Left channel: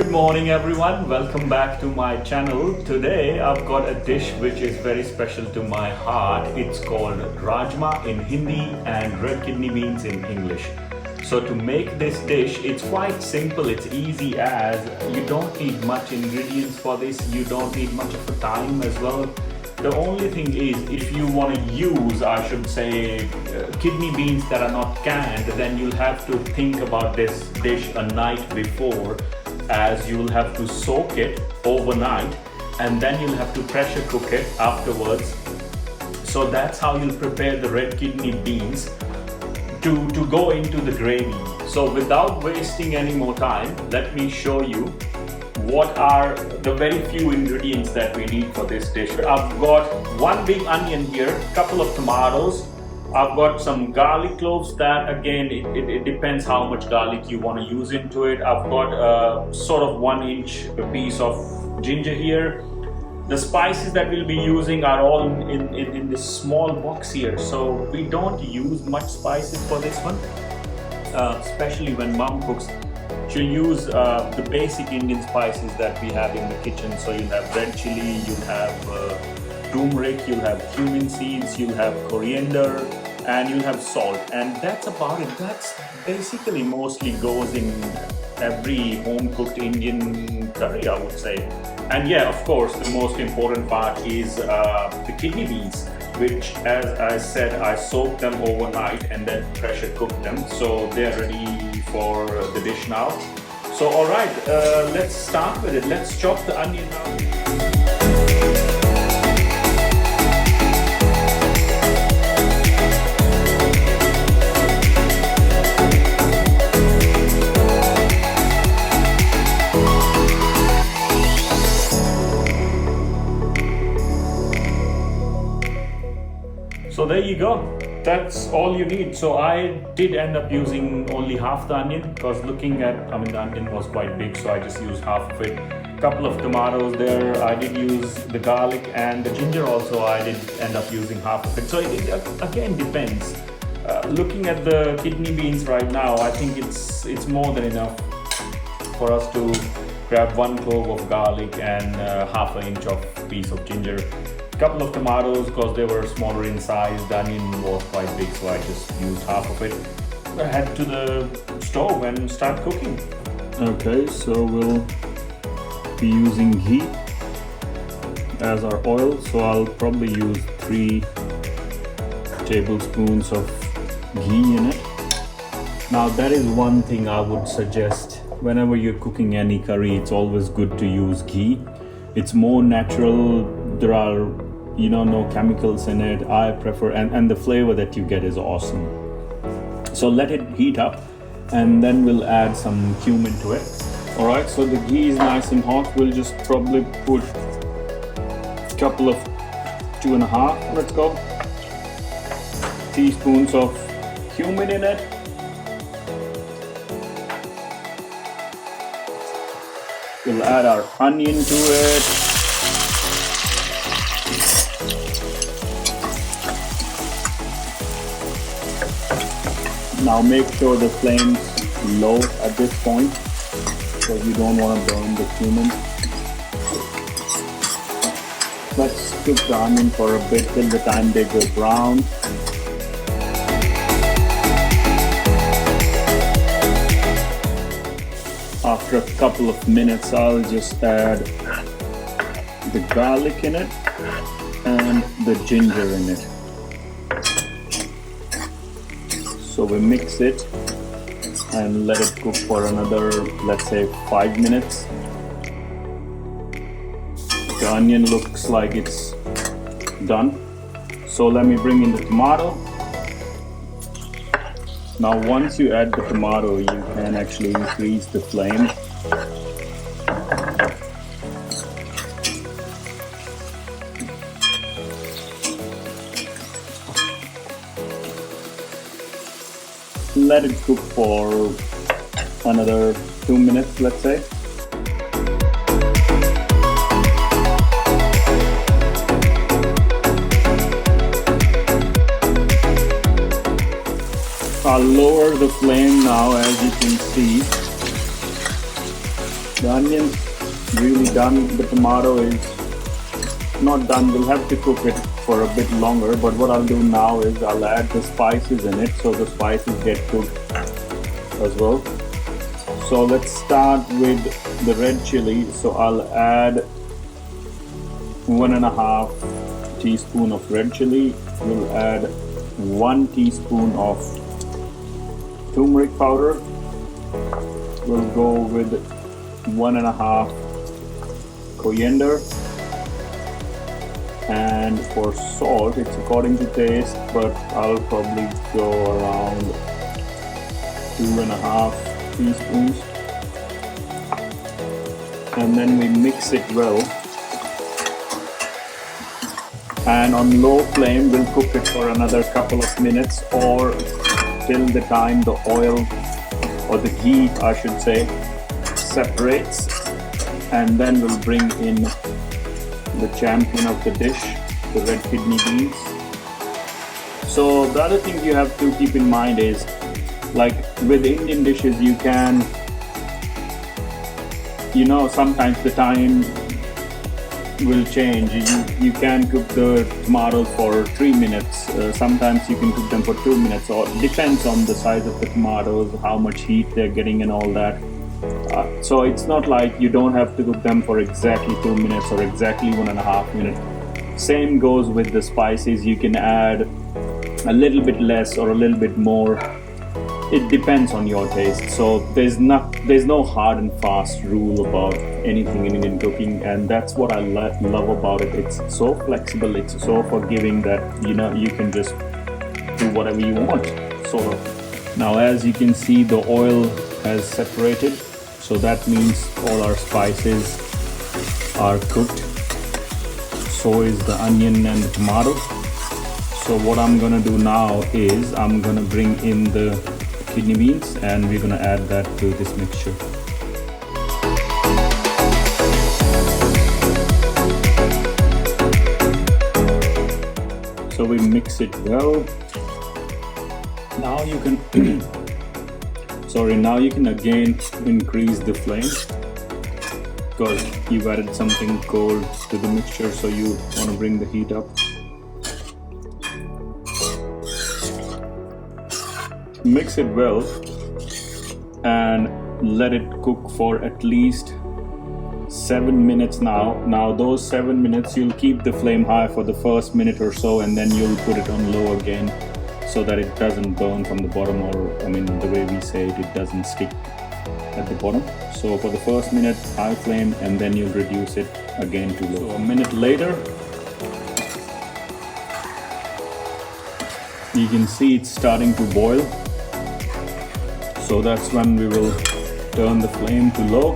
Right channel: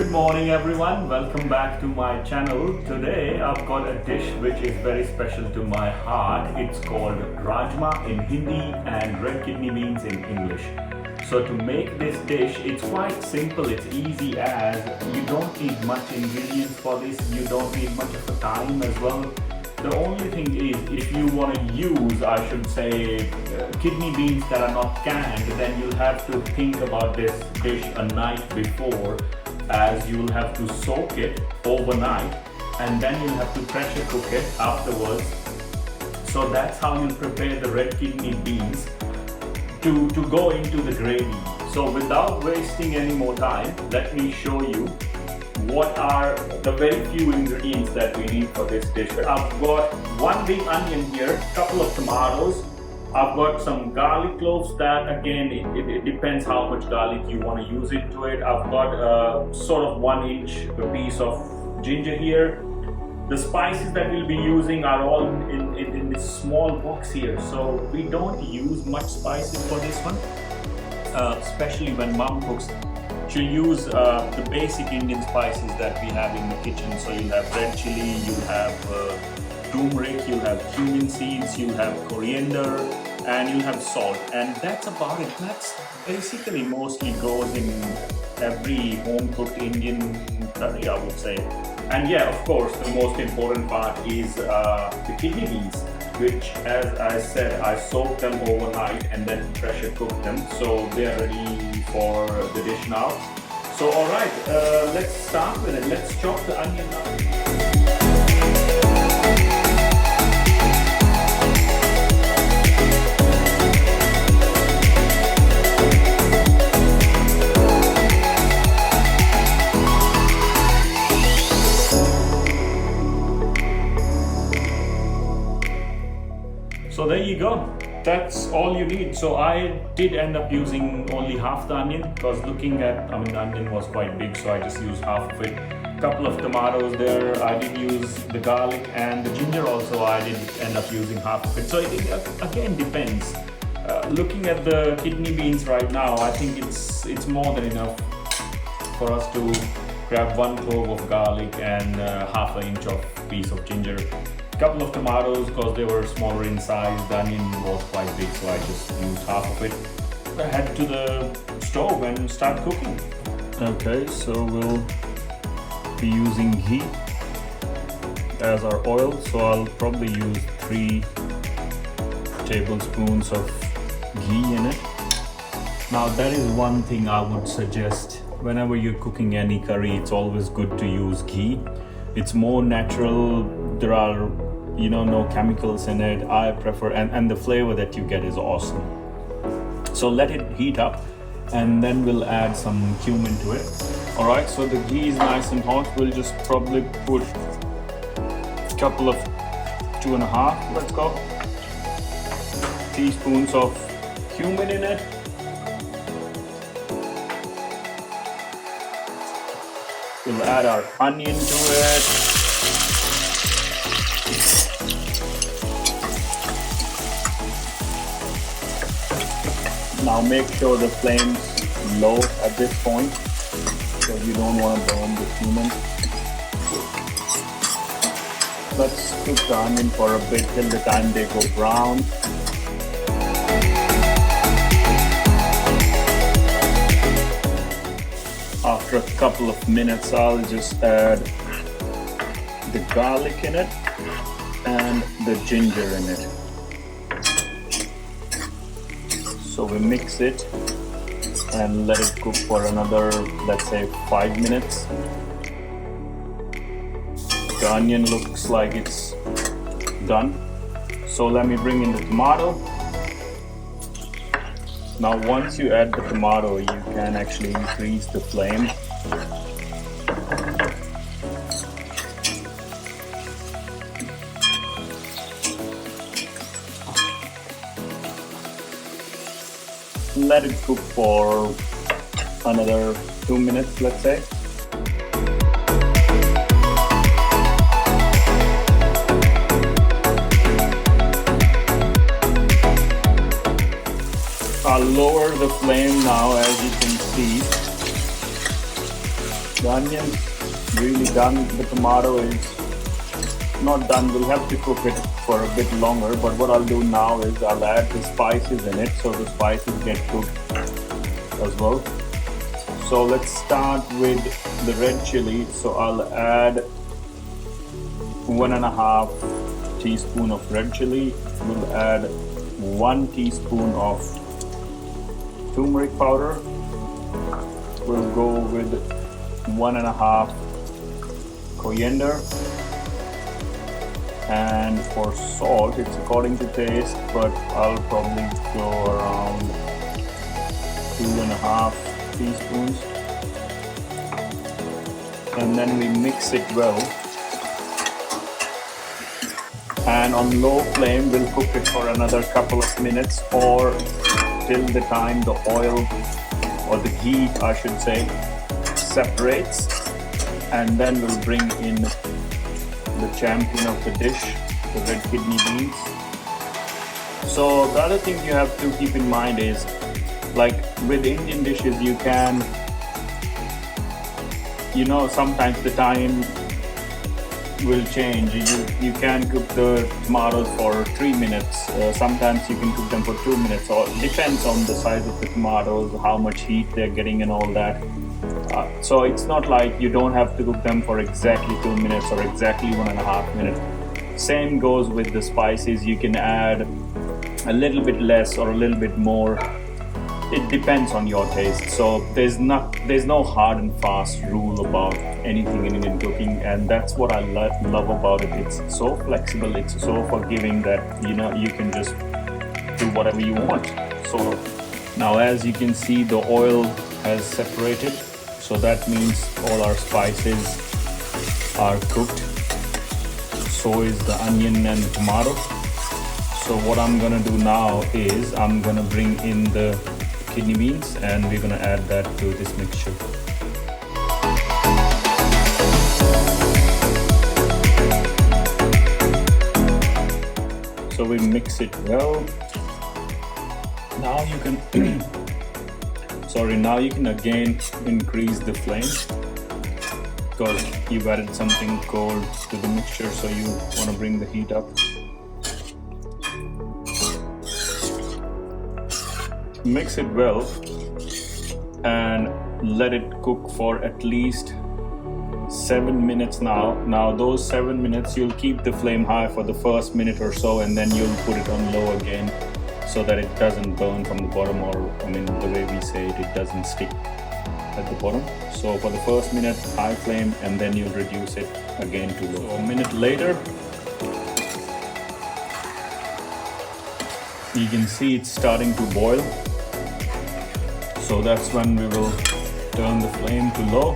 Good morning everyone, welcome back to my channel. Today I've got a dish which is very special to my heart. It's called Rajma in Hindi and red kidney beans in English. So to make this dish, it's quite simple, it's easy as you don't need much ingredients for this, you don't need much of a time as well. The only thing is, if you want to use, I should say, kidney beans that are not canned, then you'll have to think about this dish a night before, as you will have to soak it overnight and then you'll have to pressure cook it afterwards. So that's how you'll prepare the red kidney beans to go into the gravy. So without wasting any more time, let me show you what are the very few ingredients that we need for this dish. I've got one big onion here, couple of tomatoes, I've got some garlic cloves that again it depends how much garlic you want to use into it. I've got a sort of 1-inch piece of ginger here. The spices that we'll be using are all in this small box here, so we don't use much spices for this one, especially when mom cooks. She'll use the basic Indian spices that we have in the kitchen. So you'll have red chili, you'll have turmeric, you'll have cumin seeds, you'll have coriander, and you'll have salt. And that's about it. That's basically mostly goes in every home-cooked Indian curry, I would say. And yeah, of course, the most important part is the kidney beans, which, as I said, I soaked them overnight and then pressure cooked them. So they're ready for the dish now. So all right, let's start with it. Let's chop the onion now. So there you go, that's all you need. So I did end up using only half the onion because the onion was quite big, so I just used half of it. Couple of tomatoes there, I did use the garlic, and the ginger also I did end up using half of it. So it again depends. Looking at the kidney beans right now, I think it's more than enough for us to grab 1 clove of garlic and half an inch of piece of ginger. Couple of tomatoes because they were smaller in size. The onion was quite big, so I just used half of it. I head to the stove and start cooking. Okay, so we'll be using ghee as our oil. So I'll probably use 3 tablespoons of ghee in it. Now that is one thing I would suggest whenever you're cooking any curry. It's always good to use ghee. It's more natural. There are no chemicals in it. I prefer, and the flavor that you get is awesome. So let it heat up and then we'll add some cumin to it. All right, so the ghee is nice and hot. We'll just probably put a couple of 2.5, let's go, teaspoons of cumin in it. We'll add our onion to it. Now make sure the flame's low at this point, because you don't want to burn the cumin. Let's cook the onion for a bit till the time they go brown. After a couple of minutes, I'll just add the garlic in it and the ginger in it. So we mix it and let it cook for another, let's say, 5 minutes. The onion looks like it's done. So let me bring in the tomato. Now once you add the tomato, you can actually increase the flame. Let it cook for another 2 minutes, let's say. I'll lower the flame now. As you can see, the onion really done. The tomato is not done. We'll have to cook it for a bit longer, but what I'll do now is I'll add the spices in it so the spices get cooked as well. So let's start with the red chili. So I'll add 1.5 teaspoon of red chili. We'll add 1 teaspoon of turmeric powder. We'll go with 1.5 coriander. And for salt, it's according to taste, but I'll probably go around 2.5 teaspoons. And then we mix it well. And on low flame, we'll cook it for another couple of minutes or till the time the oil or the ghee, I should say, separates. And then we'll bring in the champion of the dish, the red kidney beans. So the other thing you have to keep in mind is, like with Indian dishes, you can, sometimes the time will change. You can cook the tomatoes for 3 minutes. Sometimes you can cook them for 2 minutes, or it depends on the size of the tomatoes, how much heat they're getting and all that. So it's not like you don't have to cook them for exactly 2 minutes or exactly 1.5 minutes. Same goes with the spices. You can add a little bit less or a little bit more. It depends on your taste. So there's no hard and fast rule about anything in Indian cooking, and that's what I love about it. It's so flexible, it's so forgiving that you can just do whatever you want. So now, as you can see, the oil has separated, so that means all our spices are cooked. So is the onion and the tomato. So what I'm gonna do now is I'm gonna bring in the kidney beans and we're gonna add that to this mixture. So we mix it well. Now you can now you can again increase the flame because you've added something cold to the mixture, so you want to bring the heat up. Mix it well and let it cook for at least 7 minutes now. Now those 7 minutes, you'll keep the flame high for the first minute or so, and then you'll put it on low again so that it doesn't burn from the bottom, or the way we say it, it doesn't stick at the bottom. So for the first minute, high flame, and then you'll reduce it again to low. So a minute later, you can see it's starting to boil. So that's when we will turn the flame to low,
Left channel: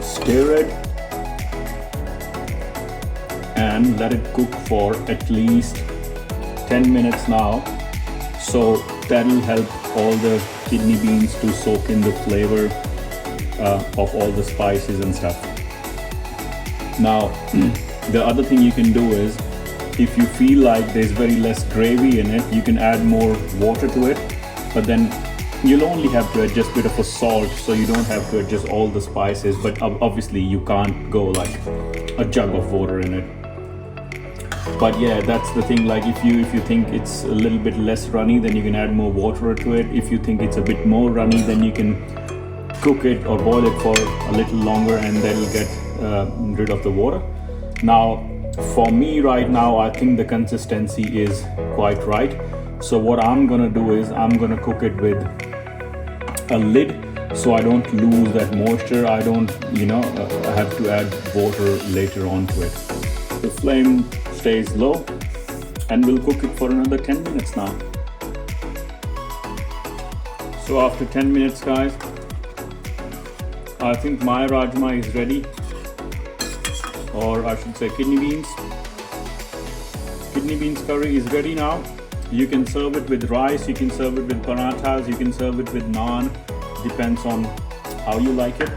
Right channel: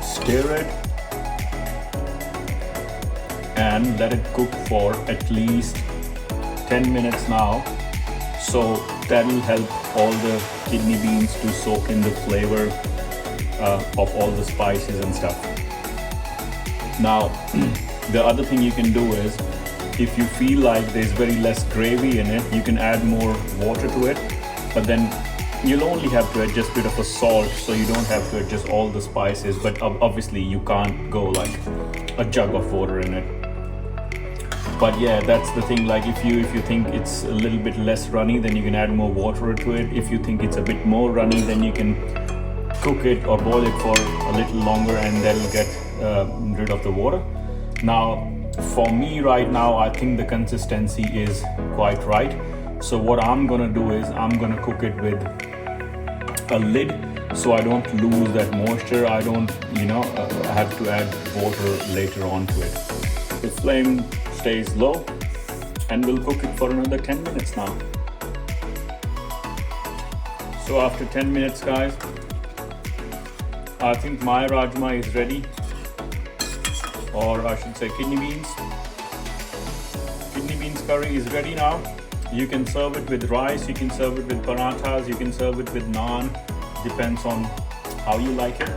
stir it, and let it cook for at least 10 minutes now. So that'll help all the kidney beans to soak in the flavor of all the spices and stuff. Now, the other thing you can do is, if you feel like there's very less gravy in it, you can add more water to it, but then you'll only have to adjust a bit of a salt, so you don't have to adjust all the spices. But obviously you can't go like a jug of water in it. But yeah, that's the thing, like if you think it's a little bit less runny, then you can add more water to it. If you think it's a bit more runny, then you can cook it or boil it for a little longer, and that'll get rid of the water. Now for me right now, I think the consistency is quite right. So what I'm gonna do is I'm gonna cook it with a lid, so I don't lose that moisture. I don't have to add water later on to it. The flame stays low and we'll cook it for another 10 minutes now. So after 10 minutes, guys, I think my rajma is ready, or I should say kidney beans. Kidney beans curry is ready now. You can serve it with rice, you can serve it with parathas, you can serve it with naan, depends on how you like it.